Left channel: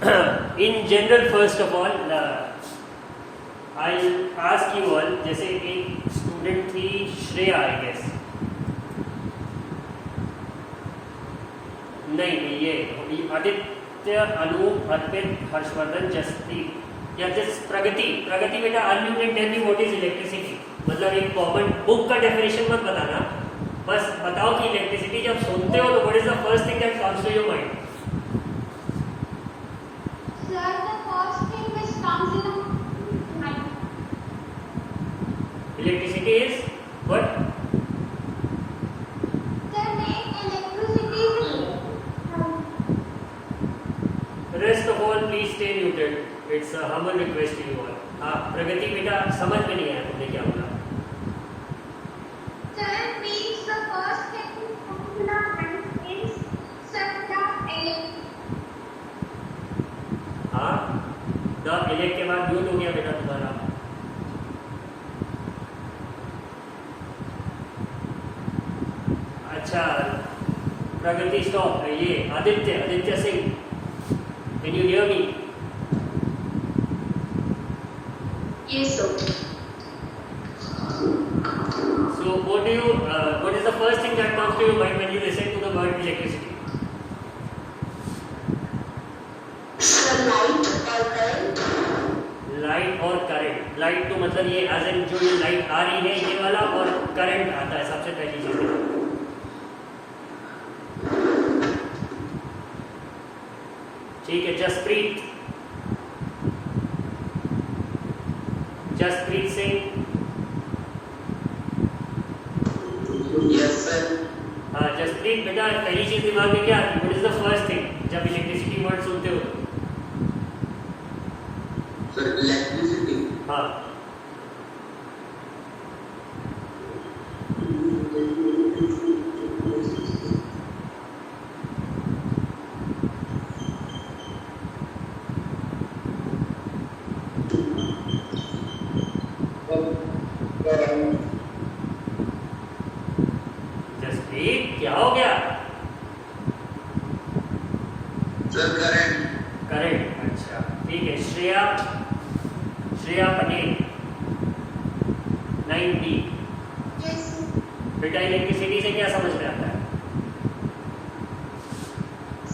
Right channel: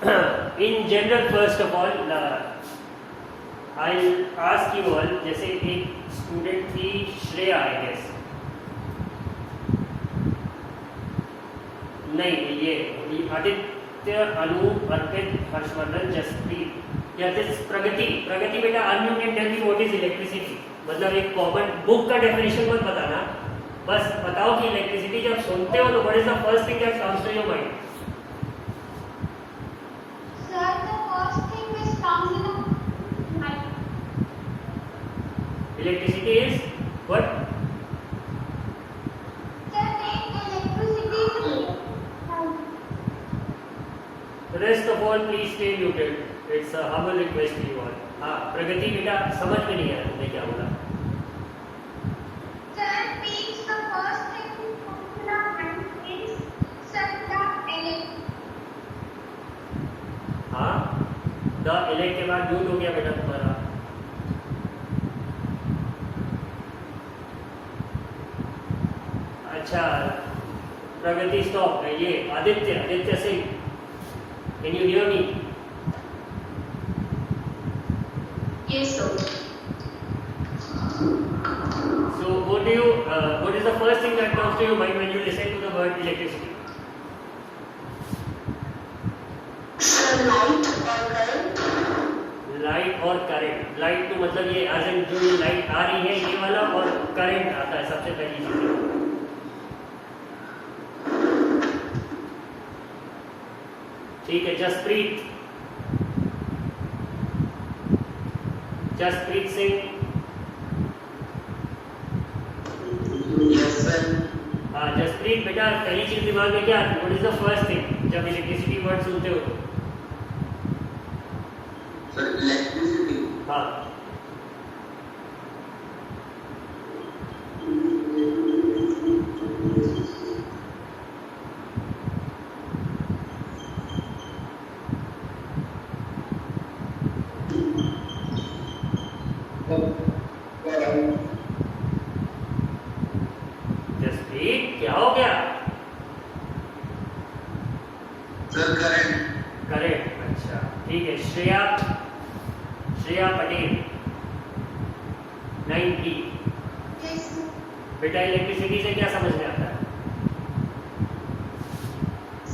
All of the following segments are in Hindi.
In general, first of all, I'll ask you all, जैसे एक स्टूडेंट थी श्रेया, आई गेस, नहीं ये आदित्य, अनूप, अर्पित, हर्षवर्धन, जसप्रीत या प्रगति बेटा, unmute and tell me what is electricity. मतलब एक कॉमन बुक का डेफिनेशन मत बताना, बस बताओ कि इलेक्ट्रिसिटी जब सुनते हो तो what is the first thing that comes to your mind? Electricity is what? Rest of all, please stay muted. It's a humble request to you all. हाँ, प्रगति बेटा समझ में नहीं आया तुमने क्या बोला? हाँ, the elect के बाद म्यूट हो गया बेटा तुम्हारा। अच्छा, प्रगति स्टॉप। ये Aditya Singh, can you hear me? Yes, sir. So what is the first thing that comes to your mind when you listen to the word electricity? Light or current? Light और करंट। लाइट तो मतलब ये एज इन जो ये लाइट आ रही है ये वाला, और करंट आता है सबसे पहली चीज है। ठीक है, जसप्रीत सिंह। Yes, sir. हाँ जसप्रीत बेटा, पहली चीज दिमाग में क्या आती है? What is the first thing जब इलेक्ट्रिसिटी वर्ड सुनते हो? Sir, electricity. हाँ, Current. जसप्रीत क्या हो गया? Sir, current. करंट। अच्छा ठीक है, श्रेया पटेल 9B। Yes. बेटा इलेक्ट्रिसिटी से क्या समझ में आता है?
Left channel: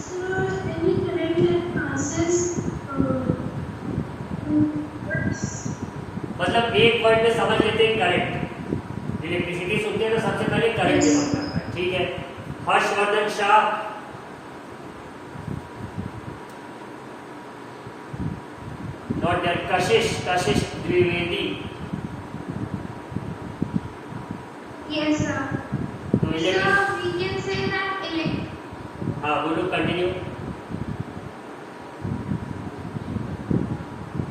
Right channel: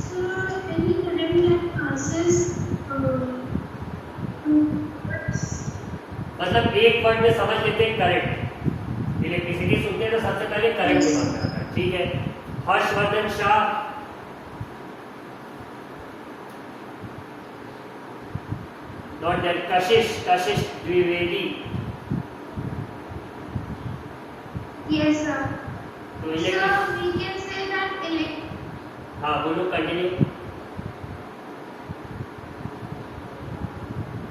Sir, any current that passes. मतलब एक वर्ड में समझ लेते हैं करंट। इलेक्ट्रिसिटी सुनते हैं तो सबसे पहले करंट दिमाग में आता है। ठीक है, Harshvardhan Shah, not that, Kashish Dwivedi. Yes, sir. तो Sir, we can say that हाँ बोलो, continue.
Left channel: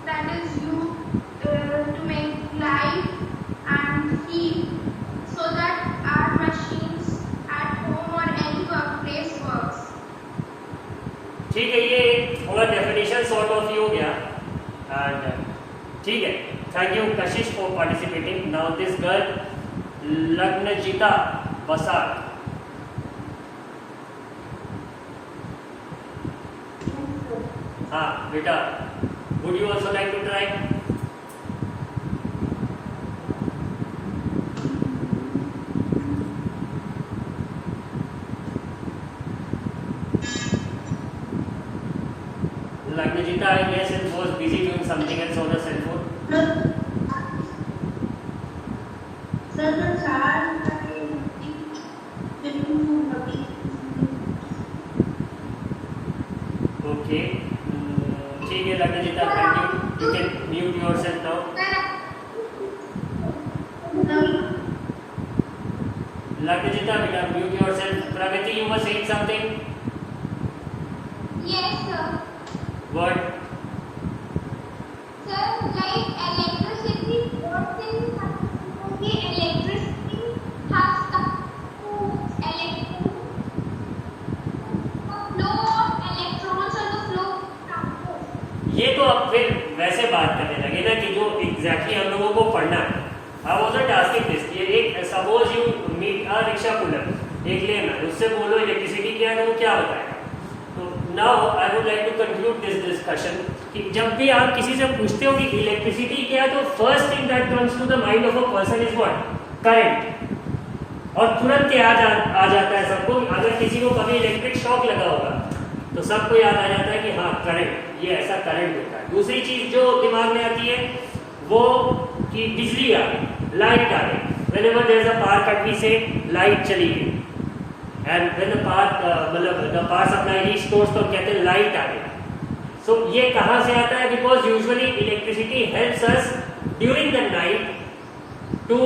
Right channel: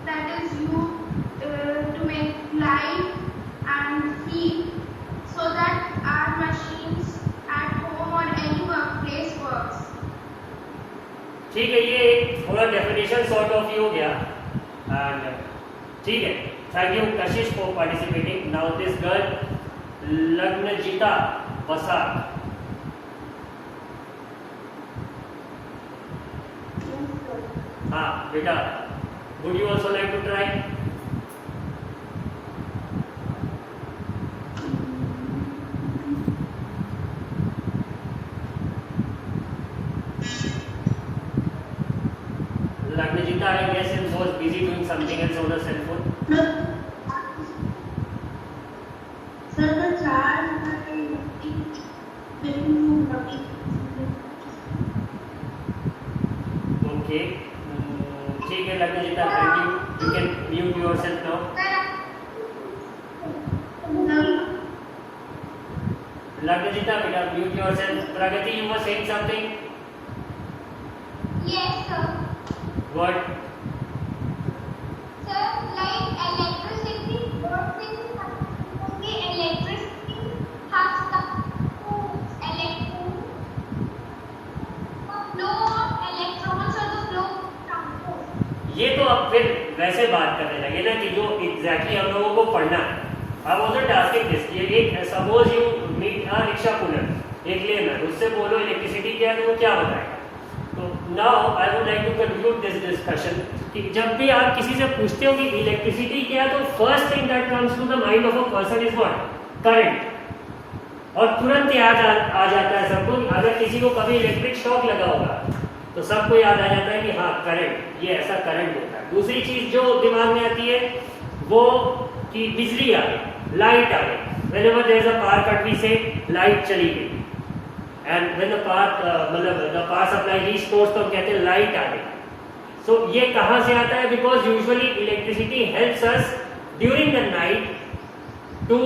that is used to make light and heat so that our machines at home or any workplace works. ठीक है, ये एक थोड़ा डेफिनेशन सॉर्ट ऑफ ही हो गया। एंड ठीक है, thank you Kashish for participating. Now this girl Lagnajita Basak. हाँ बेटा, would you also like to try? Lagnajita, I guess, was busy doing something else on the cell phone. Sir, the child Okay. ठीक है Lagnajita, thank you. You can mute yourself now. Lagnajita, बेटा mute yourself. Pragati, you were saying something. Yes, sir. What? Sir, like electricity, what is the electricity has the flow of electrons or the flow of particles. ये तो अब फिर वैसे बात करने लगे ना कि जो एग्जैक्टली हम लोगों को पढ़ना है। I wasn't asking this. ये एक suppose you meet a rickshaw puller, एक लेना, उससे बोलो इलेक्ट्रिसिटी क्या है तो वो क्या बताएगा। तो now I would like to conclude this discussion. कि जब भी आप किसी से पूछते हो कि इलेक्ट्रिसिटी क्या है, तो first thing that comes to the mind of a person is what? Current. और तुरंत याद आ जाता है सबको, अगर किसी को कभी इलेक्ट्रिक शॉक लगा होगा तो सबको याद आ जाता है कि हाँ करंट, ये ऐसा करंट होता है। दूसरी चीज जो दिमाग में आती है वो कि बिजली आ गई, लाइट आ गई। whenever there is a power cut we say light चली गई, and when the power supply restores तो कहते हैं लाइट आ गई। सो ये कहाँ से आता है? Because usually electricity helps us during the night to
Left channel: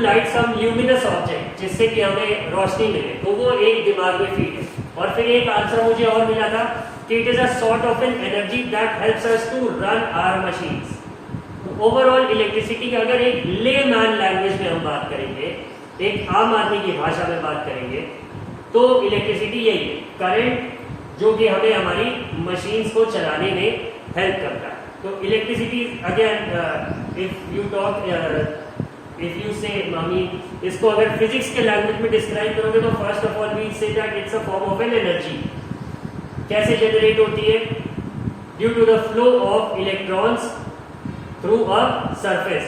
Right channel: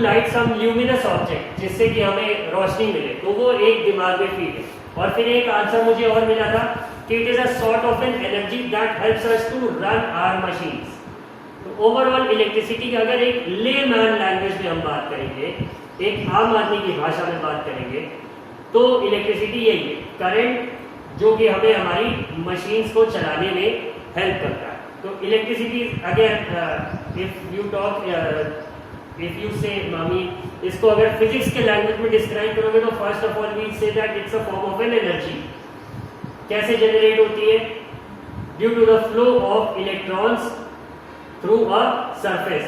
light some luminous object, जिससे कि हमें रोशनी मिले। तो वो एक दिमाग में फीड है। और फिर एक आंसर मुझे और मिला था कि it is a sort of an energy that helps us to run our machines. तो ओवरऑल इलेक्ट्रिसिटी की अगर एक लेमैन लैंग्वेज में हम बात करेंगे, एक आम आदमी की भाषा में बात करेंगे, तो इलेक्ट्रिसिटी यही है, करंट जो कि हमें हमारी मशीन्स को चलाने में हेल्प करता है। तो इलेक्ट्रिसिटी अगेन इफ यू से मामी, इसको अगर फिजिक्स के लैंग्वेज में डिस्क्राइब करोगे तो first of all we say that it's a form of an energy. कैसे जनरेट होती है? Due to the flow of electrons through a surface.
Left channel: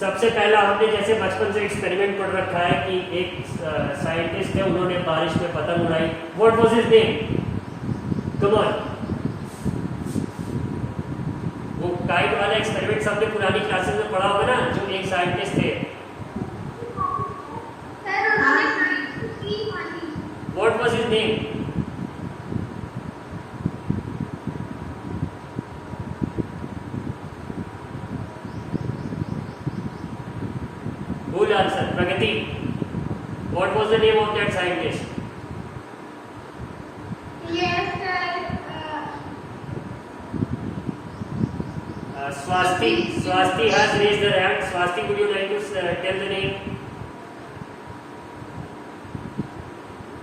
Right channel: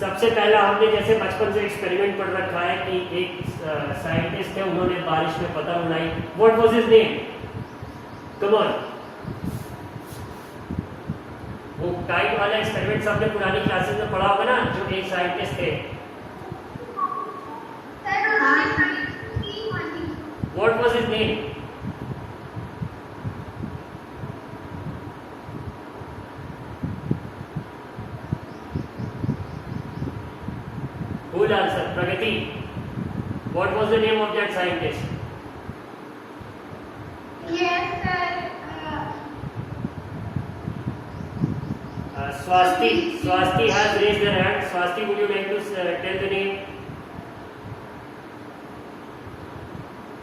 सबसे पहला हमने जैसे बचपन से एक्सपेरिमेंट पढ़ रखा है कि एक साइंटिस्ट है, उन्होंने बारिश में पतंग उड़ाई। What was his name? Come on. वो काइट वाला एक्सपेरिमेंट सबने पुरानी क्लासेस में पढ़ा होगा ना, जो एक साइंटिस्ट थे। What was his name? Who'll answer? Pragati. What was the name of that scientist? Yes, sir. Swasti has raised her hand. Swasti, would you like to tell the name?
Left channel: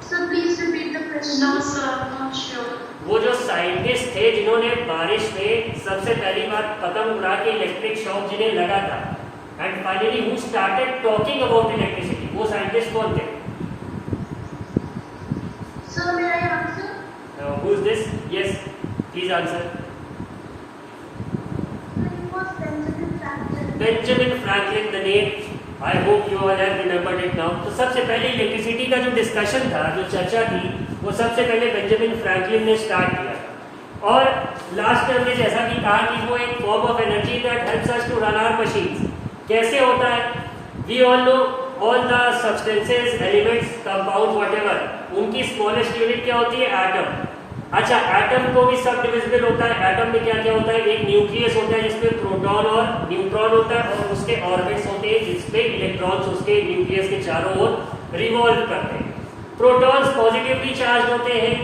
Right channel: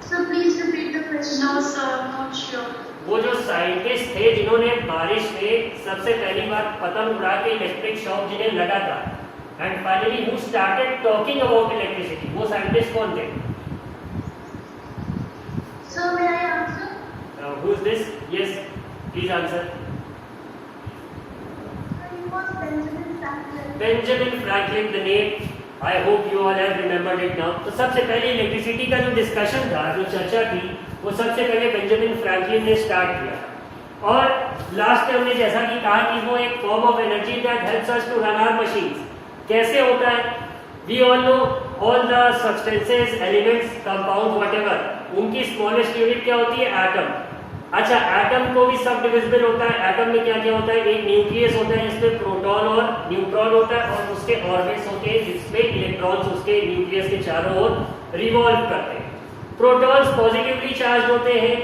So please repeat the question. No, sir, I'm not sure. वो जो साइंटिस्ट थे जिन्होंने बारिश में सबसे पहली बार पतंग उड़ा के इलेक्ट्रिक शॉक जिन्हें लगा था, and finally who started talking about electricity, वो साइंटिस्ट कौन थे? So may I answer? Who is this? Yes, please answer. It was Benjamin Franklin. Benjamin Franklin, the name. I hope you all have remembered it now. तो सबसे पहले इलेक्ट्रिसिटी का जो डिस्कशन था, जो चर्चा थी, वो सबसे पहले बेंजामिन फ्रैंकलिन ने स्टार्ट किया। और लास्ट में हमने जैसा कि कहा कि वो एक form of energy that helps us to run our machines. कैसे होता है? We all know all the substances, elements, compounds, whatever, उनकी स्मॉलेस्ट यूनिट क्या होती है? एटम। अच्छा, एटम को भी सब डिविजिबल होता है। एटम में क्या क्या होता है? एक न्यूक्लियस होता है जिसमें प्रोटॉन और न्यूट्रॉन होता है, और उसके ऑर्बिट्स होते हैं जिसमें इलेक्ट्रॉन्स उसके न्यूक्लियस के चारों ओर रिवॉल्व करते हैं। प्रोटॉन्स पॉजिटिवली चार्ज होते हैं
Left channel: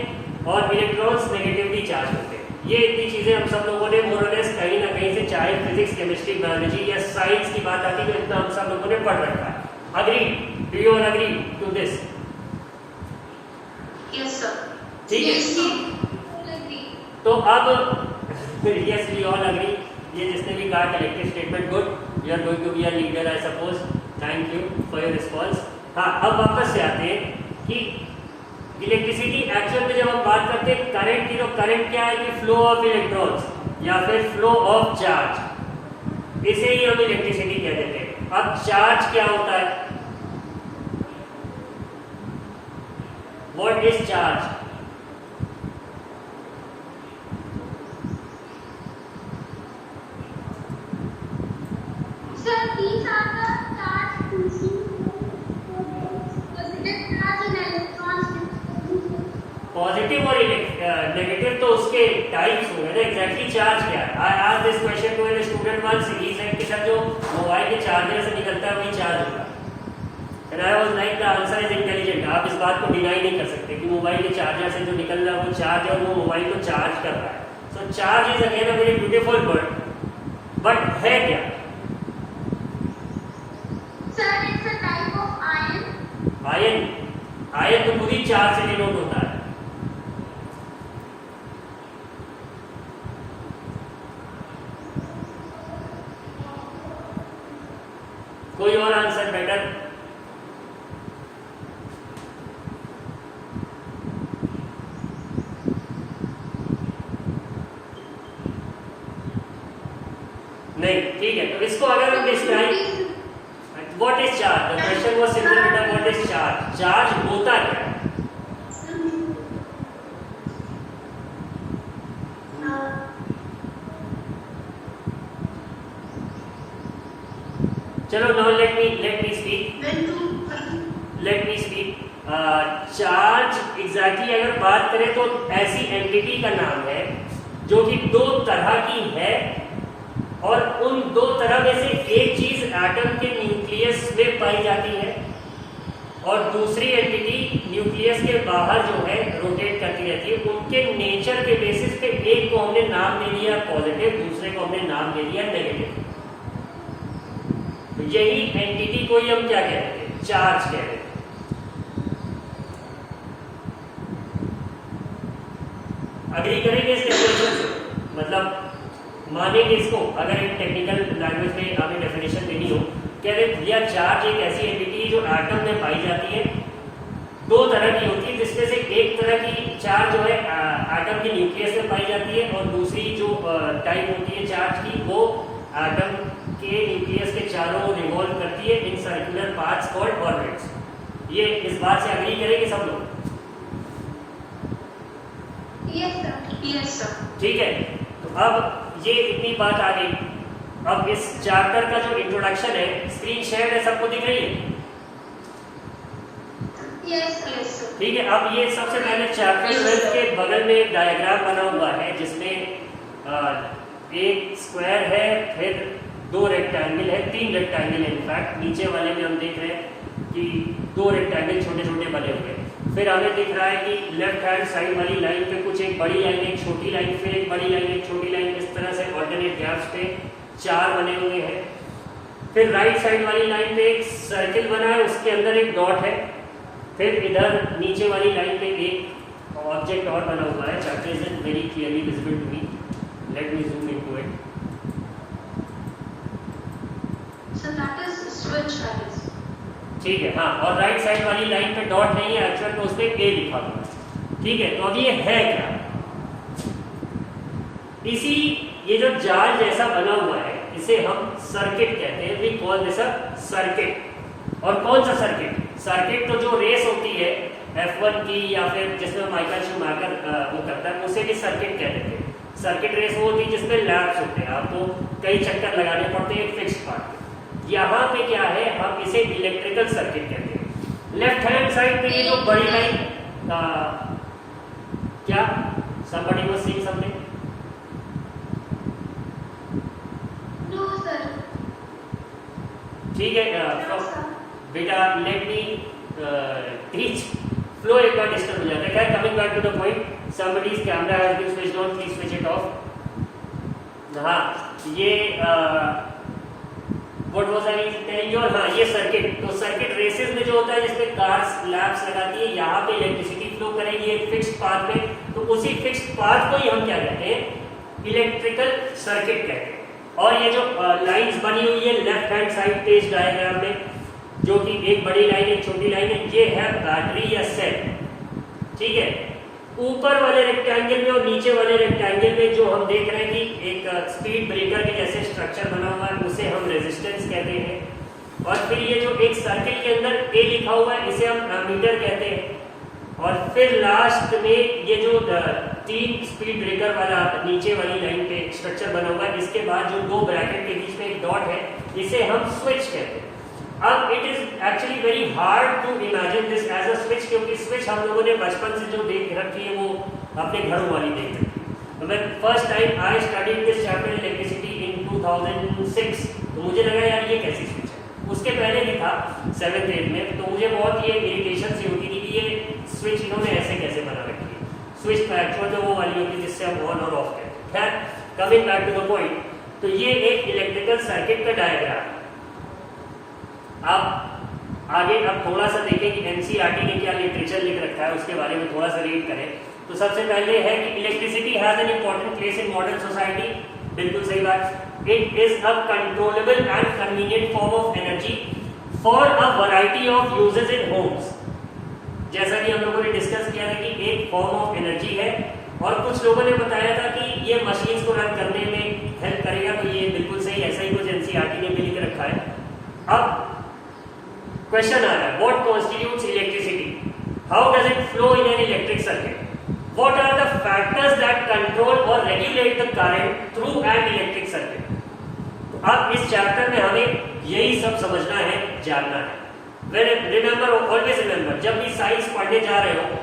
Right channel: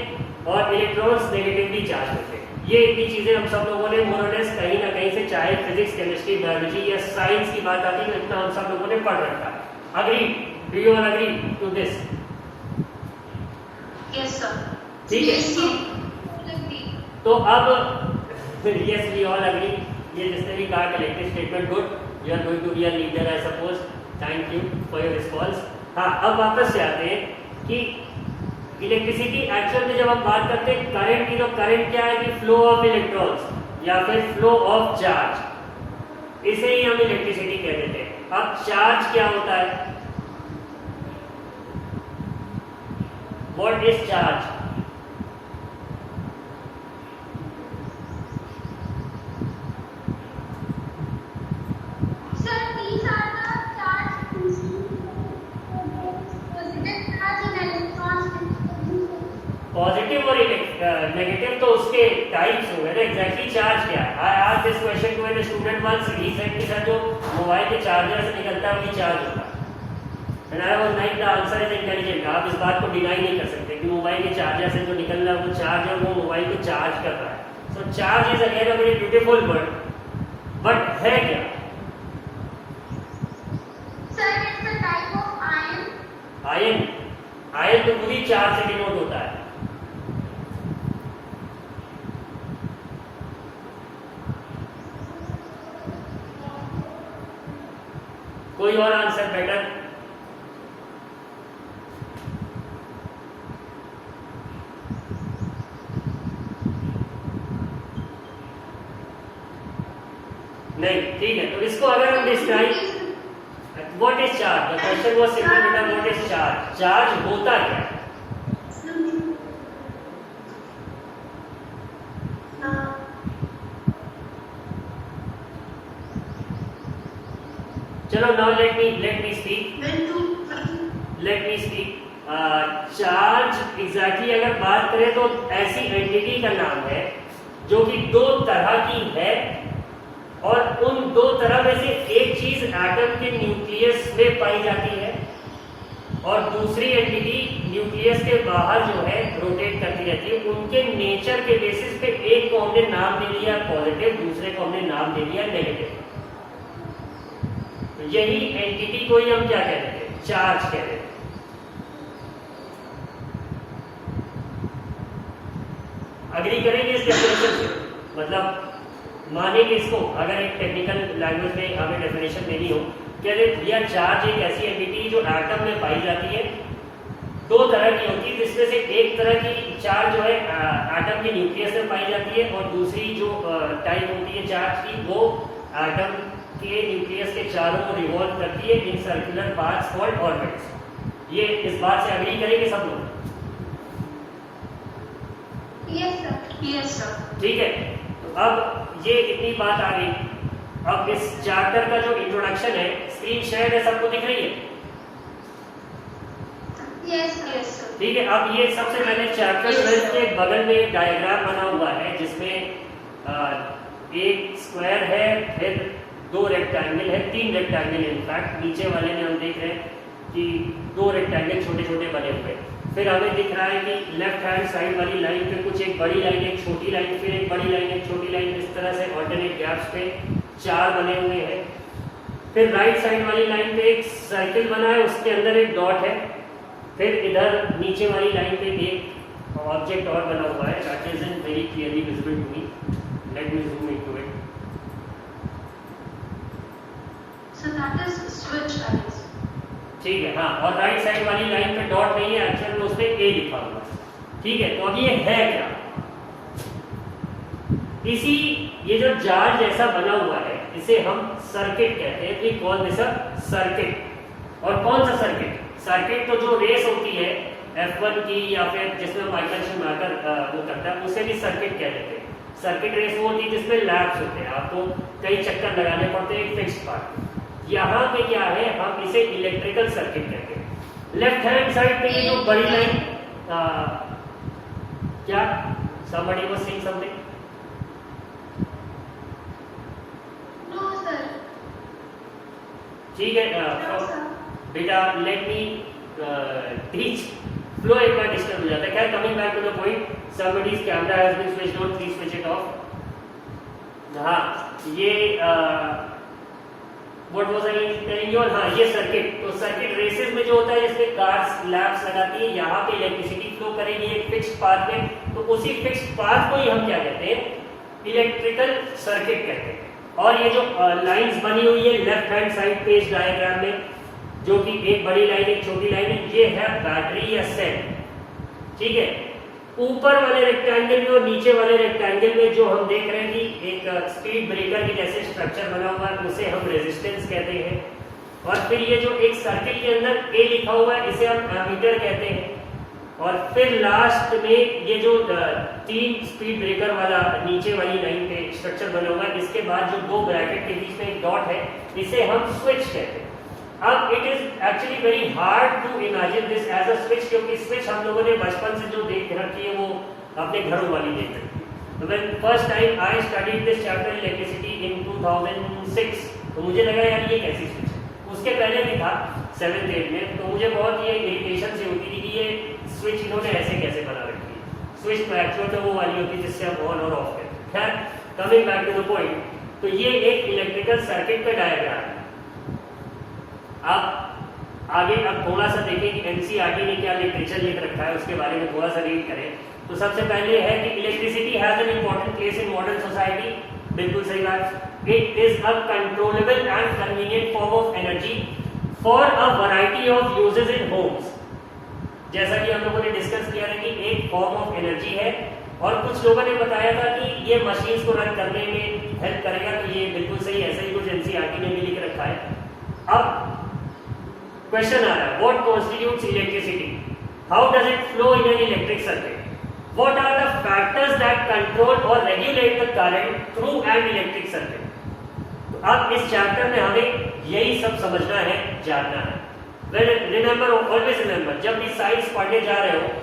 और इलेक्ट्रॉन्स नेगेटिवली चार्ज होते हैं। ये इतनी चीजें हम सब लोगों ने मोरलेस कहीं ना कहीं से, चाहे फिजिक्स, केमिस्ट्री, बायोलॉजी या साइंस की बात आती है, इतना हम सब लोगों ने पढ़ रखा है। Agree? Do you all agree to this? Yes, sir. ठीक है। Yes. तो अब यस, वी ऑल अग्री। ये जिसने भी कहा collective statement good, you are going to be a leader I suppose. Thank you for your response. हाँ, अब वापस से आते हैं कि इलेक्ट्रिसिटी एक्चुअल में जब हम बात करते हैं करंट की, तो करंट क्या है? कि फ्लो ऑफ इलेक्ट्रॉन्स या फिर फ्लो ऑफ चार्ज, इसे ही हम इलेक्ट्रिसिटी कह देते हैं। अब चार्ज क्या होता है? What is charge? Sir, these are the charged positive charge and electrons. Positive और नेगेटिव तो उसके टाइप्स हो गए ना। एग्जैक्टली चार्ज क्या है? I asked this question to an student once. He said कि सर जो मोबाइल के चार्जर से निकलता है वही चार्ज होता है। And I was like the answer is intelligent. आप इस बात को डिनाई नहीं कर सकते कि मोबाइल के चार्जर से जो निकल रहा है वो चार्ज है और वो मोबाइल को चार्ज कर रहा है। So charge is again a very beautiful word, but है क्या? Sir, it's a type of ion. Ion. Ion तो पूरी चार्ज से डिनोट होता है। कोई और आंसर बेटर? नहीं, ठीक है। तो इसको अगर हम describe, what is charge, the question was simple बेटा, व्हाट इज चार्ज, चार्ज होता क्या है? चलो now let me speak, let me speak. Charge exactly अगर बात करें तो ऐसी एंटिटी का नाम है जो कि दो तरह की है, और उन दो तरह में से एक चीज एटम के न्यूक्लियस में पाई जाती है और दूसरी एंटिटी न्यूक्लियस के बाहर जो है रोटेट करती रहती है। उनके नेचर के बेसिस पे एक को हमने नाम दे दिया पॉजिटिव, दूसरे को हमने नाम दे दिया नेगेटिव। तो यही एंटिटी को ही हम क्या कहते हैं? चार्ज कहते हैं। अग्री करेंगे इस डेफिनेशन से? मतलब मानेंगे इसको, अगर एक टेक्निकल लैंग्वेज में हमें डेफिनेशन देनी हो, कहते हैं भैया चार्ज एक ऐसी एंटिटी जो एटम में पाई जाती है, दो तरह की होती है, जिसमें से एक तरह की चार्ज जो है एटम के न्यूक्लियस में पाई जाती है, और दूसरी जो टाइप होती है चार्ज की वो एटम के न्यूक्लियस के चारों ओर रिवॉल्व करती है in circular paths called orbits. ये इस बात से अग्री करेंगे सब लोग? Yes sir. ठीक है, तो अब ये इतनी बात आ गई। अब इस चैप्टर का जो इंट्रोडक्शन है, स्क्रीन शेयर है, सबको दिख रही है? यस। ठीक है, अब ये सबसे पहले चैप्टर 12 के बगल में एक डायग्राम बना हुआ है जिसमें एक स्क्वायर है, फिर दो रेक्टेंगल है, तीन रेक्टेंगल है इनफैक्ट। नीचे वाले में हम देख रहे हैं कि दो रेक्टेंगल छोटे छोटे बने हुए हैं। फिर हमें दिख रहा है कि लेफ्ट हैंड साइड वाली लाइन पे कुछ एक बड़ी लाइन, एक छोटी लाइन, फिर एक बड़ी लाइन, एक छोटी लाइन, इस तरह से ऑल्टरनेट गैप्स पे चार बने हुए हैं। फिर राइट साइड वाली लाइन पे एक सर्किल बना है, उसके अंदर एक डॉट है। फिर इधर नीचे वाली लाइन पे एक ऑब्जेक्ट और बना हुआ है, that isn't very clearly visible to me, let me zoom into it. So that is switch guys. ठीक है, हाँ, और राइट साइड वाली लाइन पे डॉट नहीं है, एक्चुअल में उस पे ए लिखा हुआ है। ठीक है, तो अब ये है क्या? ये जो जाल जैसा बना हुआ है, इसे हम सर्किट कहते हैं। We call this a circuit. और कौन सा सर्किट? सर्किट तो जो रेस होती है F1 की, या फिर जिसमें माइकल शूमाकर वो करता है, उसे भी सर्किट कहते हैं। सर्किट रेस वो होती है जिसमें लैप्स होते हैं, आपको कई चक्कर लगाने पड़ते हैं एक फिक्स पार्ट। यहाँ पे क्या है, हम इसे इलेक्ट्रिकल सर्किट कहते हैं। लेफ्ट हैंड साइड पे ये जो बड़ी लाइन, क्या somebody was saying something? No sir. ठीक है, बेटा लेट मी टीच। फ्लो एक बार डिस्टर्ब हो जाता है। क्या, coming back to the point, somebody's camera has been switched on, please switch it off। हाँ, ये What was I telling you? हाँ, ये सर्किट, तो सर्किट रेसेस में जो होता है जिसमें कार्स लैंप्स लगाती है, यहाँ पे इलेक्ट्रिसिटी फ्लो करेगी एक फिक्स्ड पाथ में, तो उसी फिक्स्ड पाथ को ही हम क्या कहते हैं? इलेक्ट्रिकल सर्किट कहते हैं। और ये जो लाइंस बनी हुई है लेफ्ट हैंड साइड पे इस डायग्राम में, जो कि एक बड़ी लाइन एक छोटी लाइन है, ये है बैटरी या सेल। ठीक है, ऊपर वाले रेक्टेंगल में और नीचे वाले रेक्टेंगल में जो हम देख रहे हैं कि एक स्पीड ब्रेकर के जैसे स्ट्रक्चर बना हुआ है, उसे हम रेजिस्टेंस कहते हैं। और फिर ये जो एक सर्किल के अंदर ए लिखा हुआ है, इसे हम एमीटर कहते हैं। और फिर लास्ट में ये जो तीन स्पीड ब्रेकर वाला नीचे वाली लाइन पे स्ट्रक्चर बना हुआ है, इसके बाद जो दो ब्रैकेट के बीच में एक डॉट है, इसे हम स्विच कहते हैं। अब it is actually very hard to imagine this as a switch, क्योंकि स्विच हम लोगों ने बचपन से जो देख रखी है वो अपने घरों वाली देख रखी है। When first time I studied this chapter electricity in 2006, तो मुझे लगा यार ये कैसी स्विच है। उसके पहले भी था 7th 8th में, तो मुझे बहुत ये इरिटेशन सी होती थी कि ये स्विच इन्होंने ऐसे कैसे बना रखी है। स्विच तो एक्चुअल में वो वाली होती है जिससे हम ऑन और ऑफ करते हैं। Coming back to the point, तो ये एक इलेक्ट्रिकल सर्किट का डायग्राम है। अब आगे अब थोड़ा सा देखें कि एनसीईआरटी ने क्या लिटरेचर लिख रखा है, उसके बारे में थोड़ा सा रीड करें। तो सबसे पहले है कि electricity has an important place in modern society. बिल्कुल सही बात। It is a controllable and convenient form of energy for a variety of uses in Holmes. जैसा कि हम लोगों ने डिस्कस किया था कि एक फॉर्म ऑफ एनर्जी है, और कुछ लोगों ने बताया था कि ये मशीन्स को रन करने में हेल्प करेगा। तो ये बिल्कुल सही, ऐसा ही कुछ एनसीईआरटी ने भी लिख रखा है। अब क्वेश्चन आ रहा है, what constitutes electricity, how does it flow in an electric circuit, what are the factors that control और regulate the current through an electric circuit. तो अब इस चैप्टर में हमें यही सब समझना है, जानना है। रिमेंबर, ऑलवेज रिमेंबर, जब भी साइंस पढ़ने जा रहे हो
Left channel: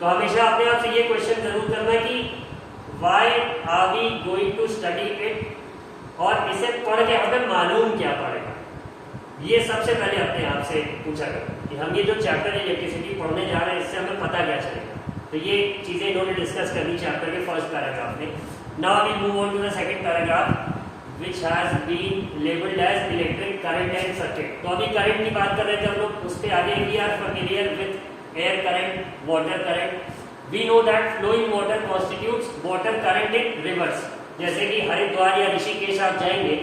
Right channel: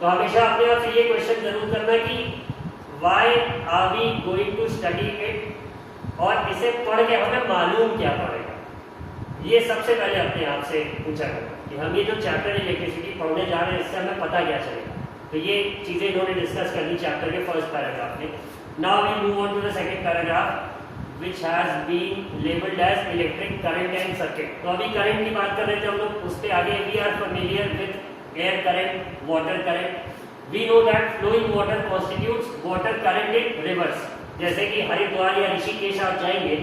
तो हमेशा अपने आप से ये क्वेश्चन जरूर करना कि why are we going to study it, और इसे पढ़ के हमें मालूम क्या पड़ेगा। ये सबसे पहले अपने आप से पूछा करना कि हम ये जो चैप्टर इलेक्ट्रिसिटी पढ़ने जा रहे हैं इससे हमें पता क्या चलेगा। तो ये चीजें इन्होंने डिस्कस करनी चैप्टर के फर्स्ट पैराग्राफ में। Now we move on to the second paragraph which has been labeled as electric current and circuit। तो अभी करंट की बात कर रहे थे हम लोग, उस पे आगे we are familiar with air current, water current। We know that flowing water constitutes water current in reverse। जैसे कि हरिद्वार या ऋषिकेश आप जाएंगे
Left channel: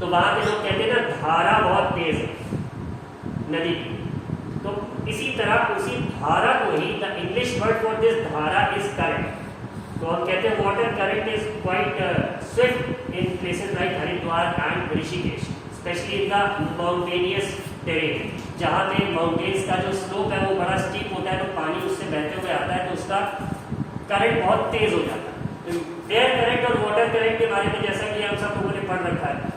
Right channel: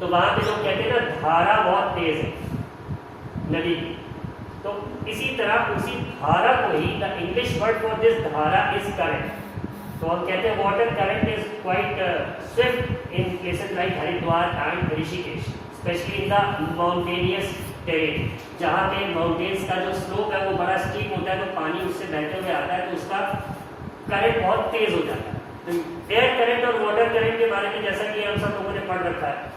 तो वहां पे लोग कहते हैं ना धारा बहुत तेज है नदी की, तो इसी तरह उसी धारा को ही the English word for this धारा इज करंट। तो हम कहते हैं water current is quite swift in places like Haridwar and Rishikesh, specially in the mountainous terrain, जहाँ पे माउंटेन्स का जो स्लोप है वो बड़ा स्टीप होता है, तो पानी उससे बहते हुए आता है तो उसका करंट बहुत तेज हो जाता है। तो एयर करंट और वाटर करंट के बारे में जैसा कि हम सब लोगों ने पढ़ रखा है।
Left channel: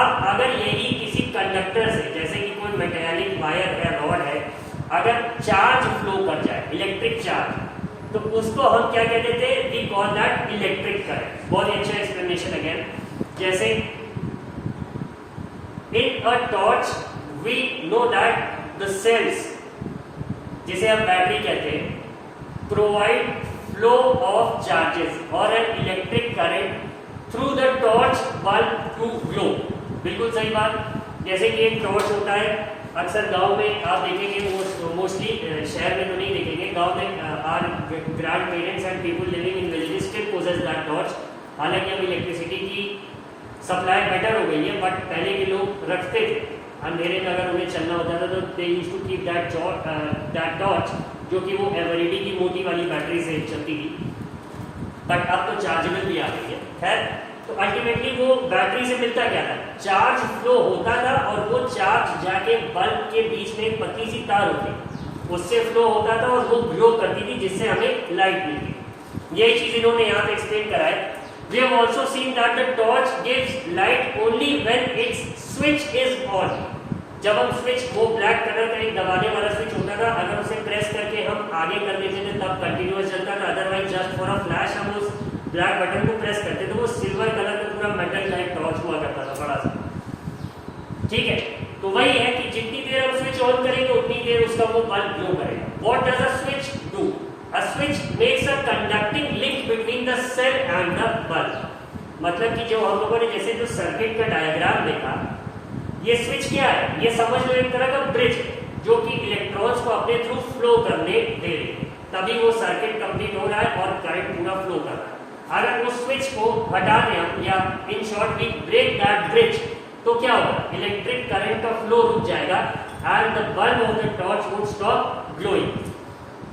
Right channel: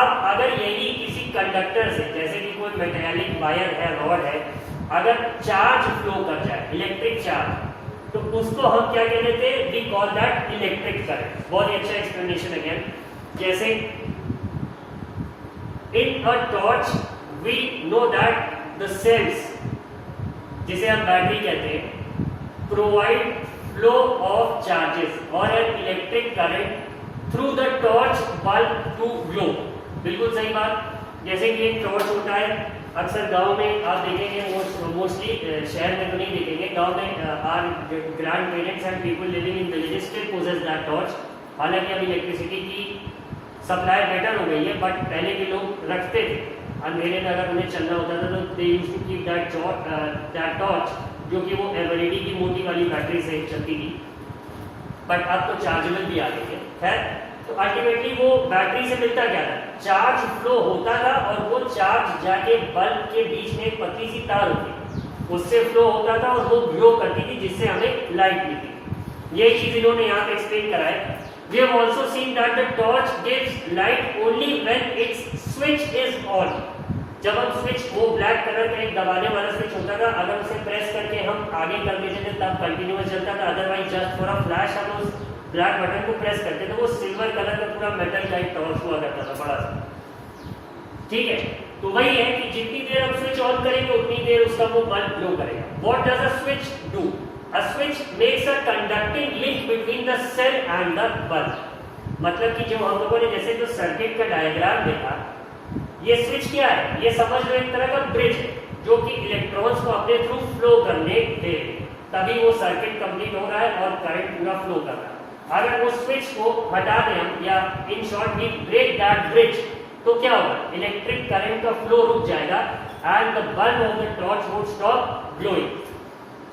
अब अगर यही किसी कंडक्टर से, जैसे कि कोई मेटेलिक वायर है, रॉड है, अगर चार्ज फ्लो कर जाए, इलेक्ट्रिक चार्ज, तो उसको हम क्या कह देते हैं, we call that electric current. बहुत ही अच्छा एक्सप्लेनेशन अगेन, जैसे in a torch we know that the cells, जिसे हम बैटरी कहते हैं, प्रोवाइड फ्लो ऑफ चार्जेस और an electric current through the torch bulb to glow. बिल्कुल सही बात। जैसे कि एक टॉर्च होता है, अक्सर गांव में आप देखेंगे, मोस्टली शहर में तो नहीं देखेंगे, गांव में our grandparents and people living in villages still possess that torch. हालांकि अब इलेक्ट्रिसिटी की सप्लाई बेटर हो गई है, बट पहले के लोग रखते थे, अंधेरे में अगर उन्हें चलना होता था तो they used to keep that torch, जो कि वो एवरेडी की मोटी वाली बैटरी से चलती थी, बट अब तो चार्जेबल भी आ गई है। खैर, तो अल्टीमेटली वो बैटरी से मिलता क्या था, चार्ज फ्लो होता था और वो चार्ज जाके बल्ब के बीच में एक पतली सी तार होती, उससे फ्लो होता था और वो ग्लो करती थी, जिससे हमें लाइट मिलती। यही चीज इन्होंने यहाँ पे एक्सप्लेन करा है। We have also seen that the torch gives light only when its switch is on। जब हम स्विच, वो ब्लैक कलर का एक दबाने वाला स्विच होता था, अगर उसे प्रेस करके हम आगे कर देते थे तब कंटिन्यूअस चलता था, otherwise just for a flash हम उस ब्लैक बटन को प्रेस करते थे, वो सिल्वर कलर का पूरा मेटल लाइट टॉर्च हुआ करता था बड़ा सा। ठीक है, तो वही है कि जितनी देर हम स्विच ऑन करेंगे उतनी देर उसका वो बल्ब ग्लो करेगा। What does a switch do? A switch makes a conducting link between the cell and the bulb। मतलब कि जो हम लोगों ने जैसे जो सर्किट का डायग्राम देखा, ये स्विच क्या है, ये समझ लो एक तरह का ब्रिज, जो कि इलेक्ट्रॉन्स को अपने थ्रू फ्लो करने दे रहे, तभी वो सर्किट कंप्लीट हो रहा है और करंट पूरा फ्लो कर रहा है। अगर वो स्विच को हटा दें हम, या in short we break that bridge, तो क्या होगा, इलेक्ट्रिक करंट का फ्लो रुक जाएगा and the bulb of the torch would stop glowing.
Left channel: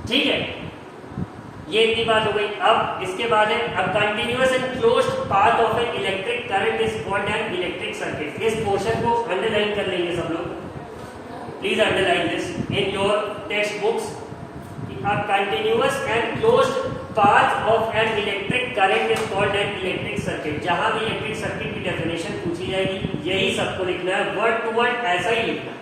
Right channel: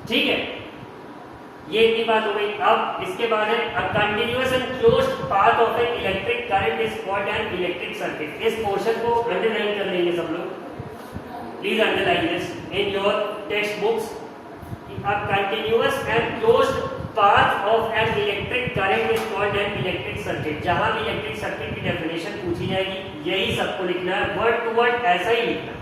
ठीक है, ये इतनी बात हो गई। अब इसके बाद है, अ continuous and closed path of N electric current is called an electric circuit. इस पोर्शन को अंडरलाइन कर लेंगे सब लोग, please underline this in your text books. A continuous and closed path of N electric current is called an electric circuit. जहां भी इलेक्ट्रिक सर्किट की डेफिनेशन पूछी जाएगी, यही सबको लिखना है, वर्ड टू वर्ड ऐसा ही लिखना।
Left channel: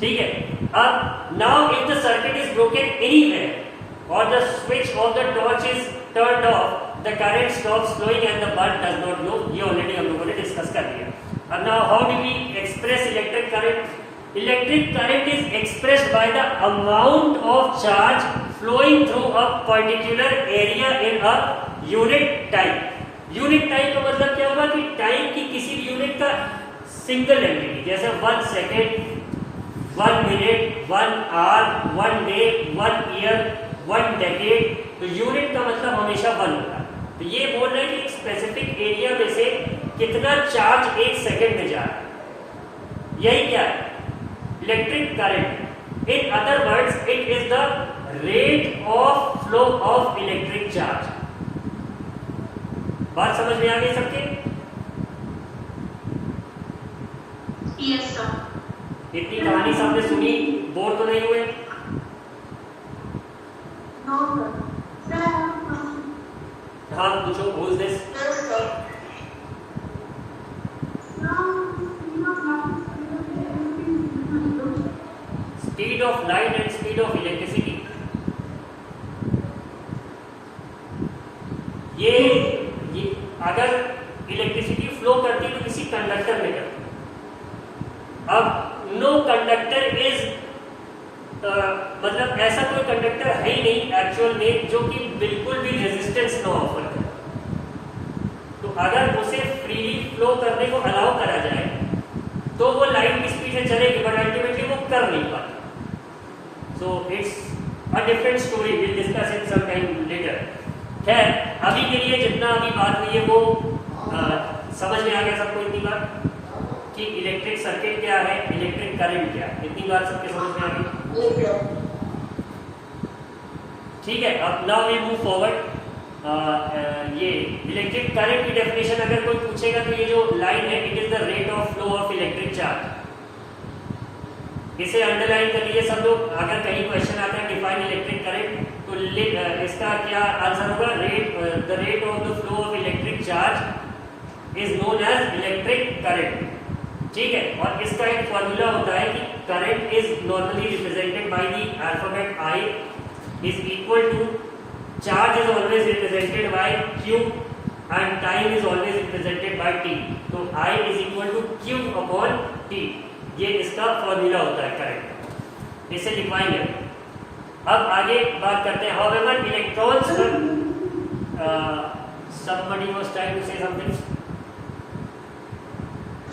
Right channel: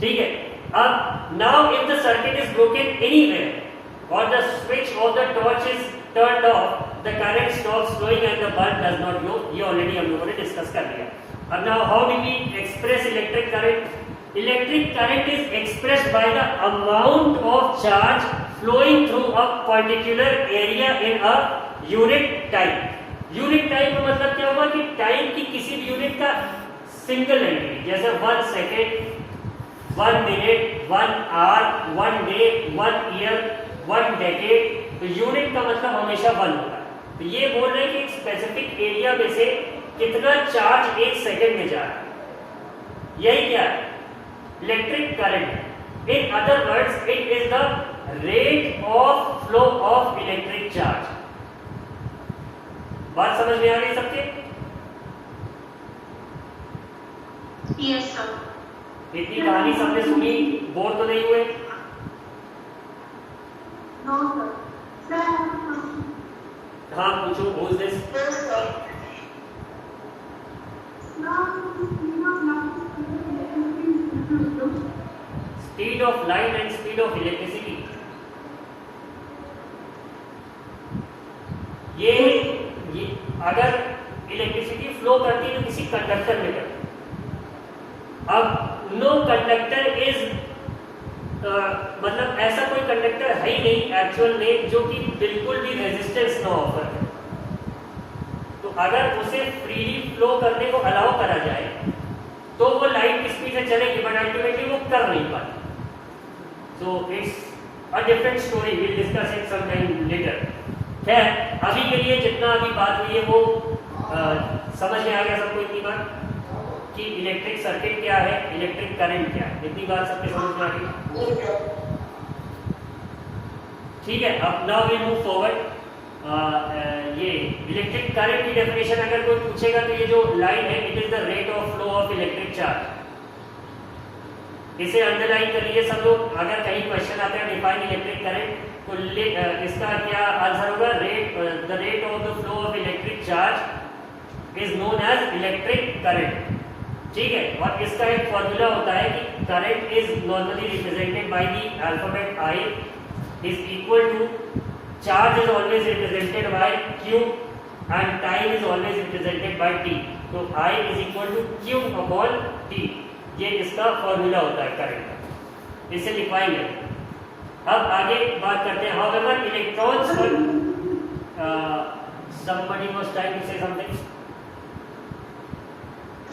ठीक है, अब now if the circuit is broken anywhere or the switch of the torch is turned off, the current stops flowing and the bulb does not glow। ये ऑलरेडी हम लोगों ने डिस्कस कर लिया। अब now how do we express electric current? Electric current is expressed by the amount of charge flowing through a particular area in a unit time। Unit time का मतलब क्या हुआ कि टाइम की किसी भी यूनिट का सिंगल एंटिटी, जैसे 1 second, 1 minute, 1 hour, 1 day, 1 year, 1 decade, तो यूनिट का मतलब हमेशा 1 होता है। तो ये बोल रहे हैं कि एक स्पेसिफिक एरिया में से कितना चार्ज 1 सेकेंड में जा रहा है, यही क्या है, electric current. In other words it is the rate of flow of electric charge. बात समझ में आ गई सबके? Yes, sir. इतनी कहानी सामने सुनी, बोर तो नहीं हुए? No, sir. हाँ पूछो, who is this? Speed of light and speed of electricity. ये अगर इलेक्ट्रिसिटी फ्लो करती है तो किसी कंडक्टर में करती है। अब नो कंडक्टर इज मतलब ऐसा कोई कंडक्टर है ही नहीं एक्चुअल में जो कि बिल्कुल भी रेजिस्टेंस न ऑफर करे। तो अगर उसे फ्रीली फ्लो करने को अलाउ करा जाए तो वो लाइट की स्पीड से चलेगी, बट अल्टीमेटली वो कर नहीं पाती। So it's a different story, will discuss it some time later. खैर अभी के लिए जितना अभी बात हुई है वो समझ में आ गया सबको इतनी बार कि इलेक्ट्रिक सर्किट क्या है, इलेक्ट्रिक करंट क्या है, इतनी बात सबके समझ में आ गई? ठीक है, अब नाउ वी मूव फॉरवर्ड। ये इलेक्ट्रिक करंट की डेफिनेशन अगर कोई पूछेगा तो ये जो लाइन है it is the rate of flow of electric charge. इसे अंडरलाइन कर लीजिए सब लोग। अगर कहीं क्वेश्चन आता है डिफाइन इलेक्ट्रिक करंट तो इसका क्या आंसर होगा? The rate of the flow of electric charge is known as electric current. ठीक है, और इसका एक फॉर्मूला होता है कि current is normally represented by the alphabet I is equal to charge is always represented by Q and time is always represented by T। तो I is equal to Q upon T, ये इसका फॉर्मूला होता है करंट। इसे डिफाइन है। अब आगे बात करते हैं however electrons somebody was trying to say something.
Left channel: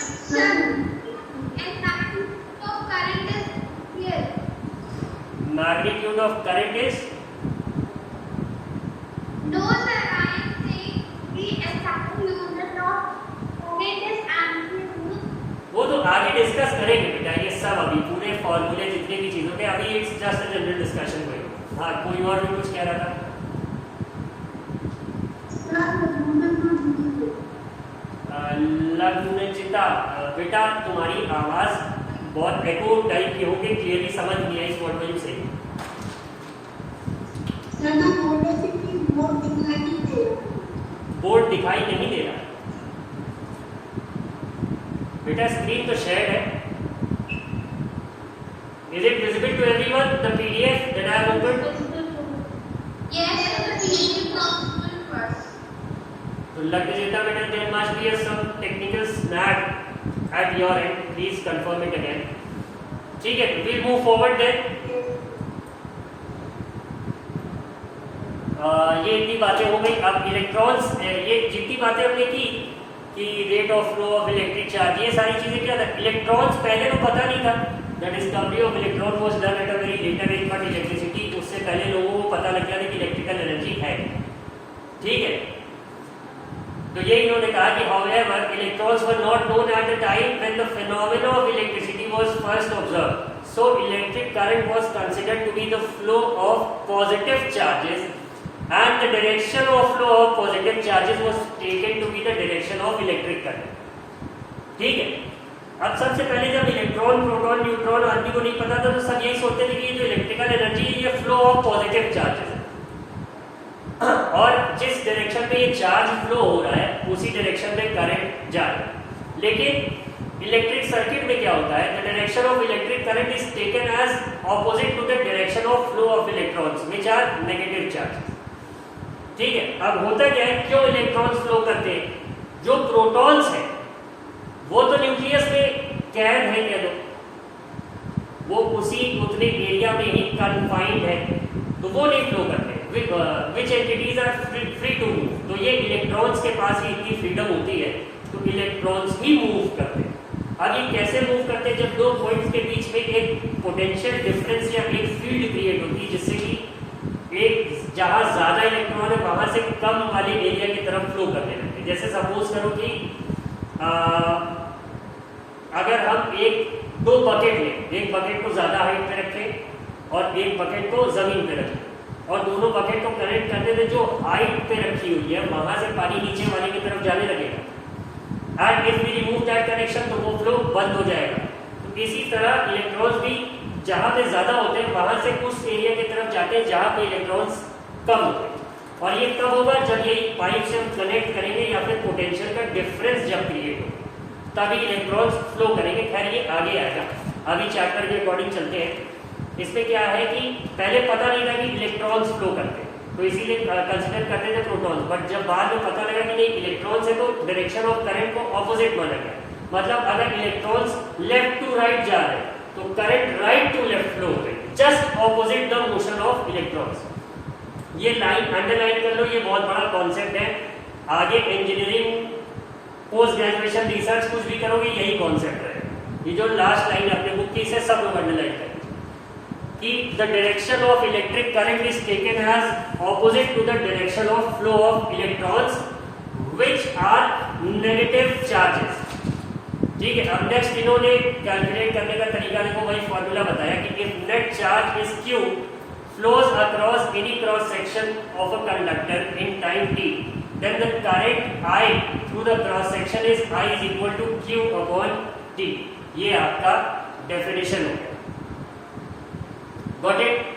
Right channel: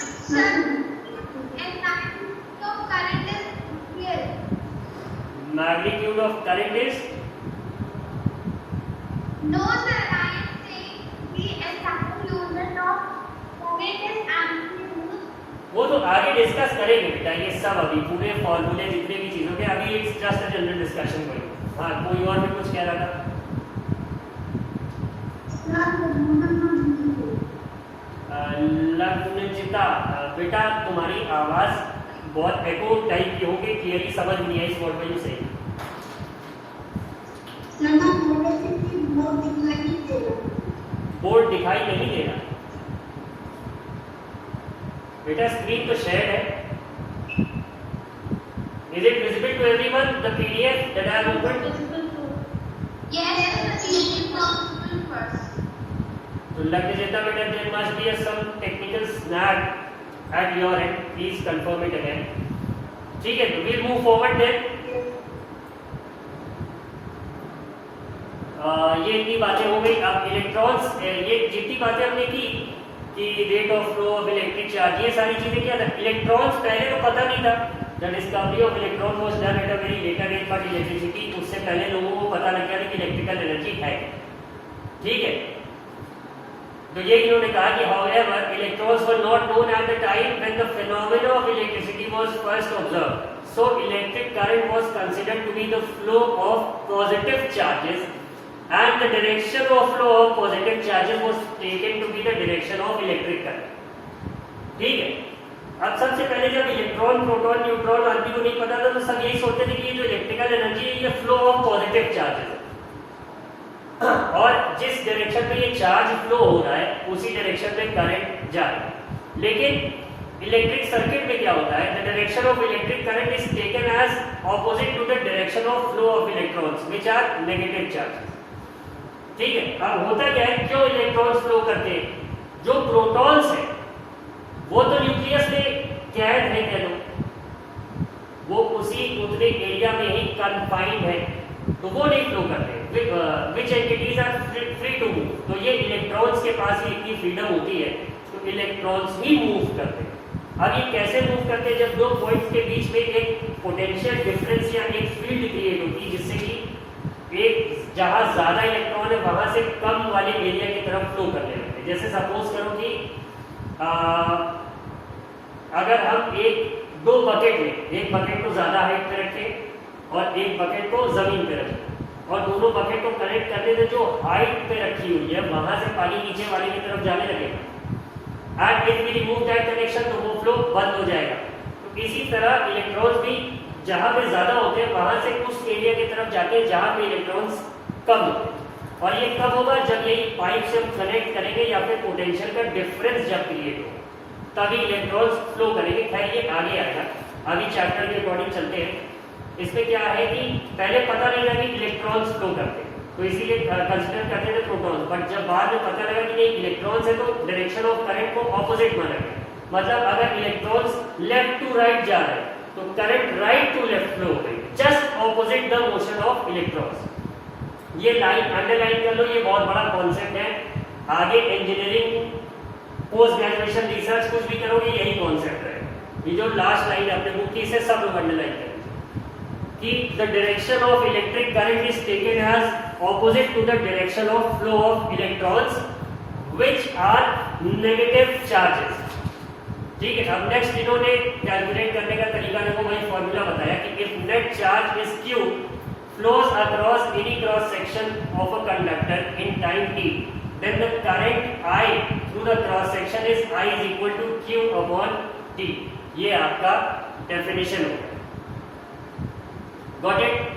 Sir, and magnitude of current is here. Magnitude of current is? No, sir, I am saying the exact unit of current is amplitude. वो तो आगे डिस्कस करेंगे बेटा, ये सब अभी पूरे फॉर्मूले जितने भी चीजों के अभी it's just a general discussion करेंगे। हाँ, कोई और भी कुछ कह रहा था? लग्नजिता बेटा तुम्हारी आवाज बहुत एको टाइप की होगी, क्लियरली समझ नहीं है इस वर्ड में से। बोर्ड दिखाई नहीं दे रहा बेटा, स्क्रीन तो शेयर है। Is it visible to everyone? The PDF that I have opened? Yes, the PDF is first. तो लग्नजिता बेटा there must be some technical snag at your end. Please confirm it again. ठीक है, तो we'll move forward then. ये इतनी बातें हो गई। अब इलेक्ट्रॉन्स, ये जितनी बातें हमने की कि rate of flow of electric charge, ये सारी चीजें क्या था? इलेक्ट्रॉन्स पहले तो पता नहीं था। The discovery of electron was done at a very later age, but electricity उससे पहले लोगों को पता लग गया था कि इलेक्ट्रिकल एनर्जी है। ठीक है, तो ये इन्होंने कहा कि however electrons were not known at the time when the phenomena of electricity was first observed, so electric current was considered to be the flow of positive charges and the direction of flow of positive charges was taken to be the direction of electric current. ठीक है, अब सबसे पहले जब इलेक्ट्रॉन, प्रोटॉन, न्यूट्रॉन आदि को नहीं पता था तो सब यही सोचते थे कि ये जो इलेक्ट्रिकल एनर्जी है ये फ्लो ऑफ पॉजिटिव चार्जेस है, और जिस डायरेक्शन में ये चार्ज फ्लो हो रहा है उसी डायरेक्शन में करंट जा रहा है। लेकिन इलेक्ट्रिक सर्किट में क्या होता है? The direction of electric current is taken as opposite to the direction of flow of electrons which are negative charges. ठीक है, अब होता क्या है, क्यों इलेक्ट्रॉन्स फ्लो करते हैं? जो प्रोटॉन्स हैं वो तो न्यूक्लियस में कैद है, कह लो वो उसी उतने एरिया में ही कन्फाइंड है, तो वो नहीं फ्लो करते। Which entities are free to move, तो ये इलेक्ट्रॉन्स के पास ही इतनी फ्रीडम होती है तो इलेक्ट्रॉन्स ही मूव करते हैं। अब ये कैसे मूव करते हैं? जब दो पॉइंट्स के बीच में एक पोटेंशियल डिफरेंस या एक फील्ड क्रिएट होती है जिससे कि एक जहां ज्यादा इलेक्ट्रॉन है वहां से कम वाले एरिया की तरफ फ्लो करने लगते हैं। जैसे सपोज करो कि अगर हम दो बकेट लें, एक बकेट को ज्यादा हाइट पे रखें और एक बकेट को जमीन पे रखें, और दोनों बकेट को कनेक्ट करने में जो हाइट पे रखी हुई है वहां से पानी नीचे वाले की तरफ जाने लगेगा। And if we remove that connection तो वो फ्लो बंद हो जाएगा। तो इसी तरह इलेक्ट्रॉन्स भी जहां पे ज्यादा होते हैं वहां से उस एरिया की तरफ जाते हैं जहां पे इलेक्ट्रॉन्स कम होते हैं। और ये कब होगा? जब ये पाइप से हम कनेक्ट करेंगे या फिर पोटेंशियल का डिफरेंस जब क्रिएट हो तभी इलेक्ट्रॉन्स फ्लो करेंगे। खैर ये आगे आएगा, अभी चैप्टर के अकॉर्डिंग चलते हैं। इसमें क्या है कि पहले पता नहीं था कि इलेक्ट्रॉन्स फ्लो करते हैं, तो इसीलिए कंसिडर करते थे प्रोटॉन्स, बट जब बाद में पता लगा कि ये इलेक्ट्रॉन्स है तो डायरेक्शन ऑफ करंट को ऑपोजिट माना गया। मतलब अगर इलेक्ट्रॉन्स लेफ्ट टू राइट जा रहे हैं तो current right to left flow हो गई, just opposite the motion of electrons. ये लाइन अंडरलाइन कर लो, ये बहुत बड़ा कॉन्सेप्ट है। आगे इंजीनियरिंग, पोस्ट ग्रेजुएशन, रिसर्च कुछ भी करोगे यही कॉन्सेप्ट है। ये जो लास्ट लाइन अपने बुक की इसे सब लोग अंडरलाइन करेंगे कि the direction of electric current is taken as opposite to the direction of flow of electrons which are negative charges. ठीक है, अब नेक्स्ट इन्होंने कैलकुलेट करने का तरीका देखो, वही फॉर्मूला बताया कि if net charge is Q flows across any cross section of a conductor in time t, then the current I through the cross section is I is equal to q upon t। ये आपका डेफिनेशन है। Got it?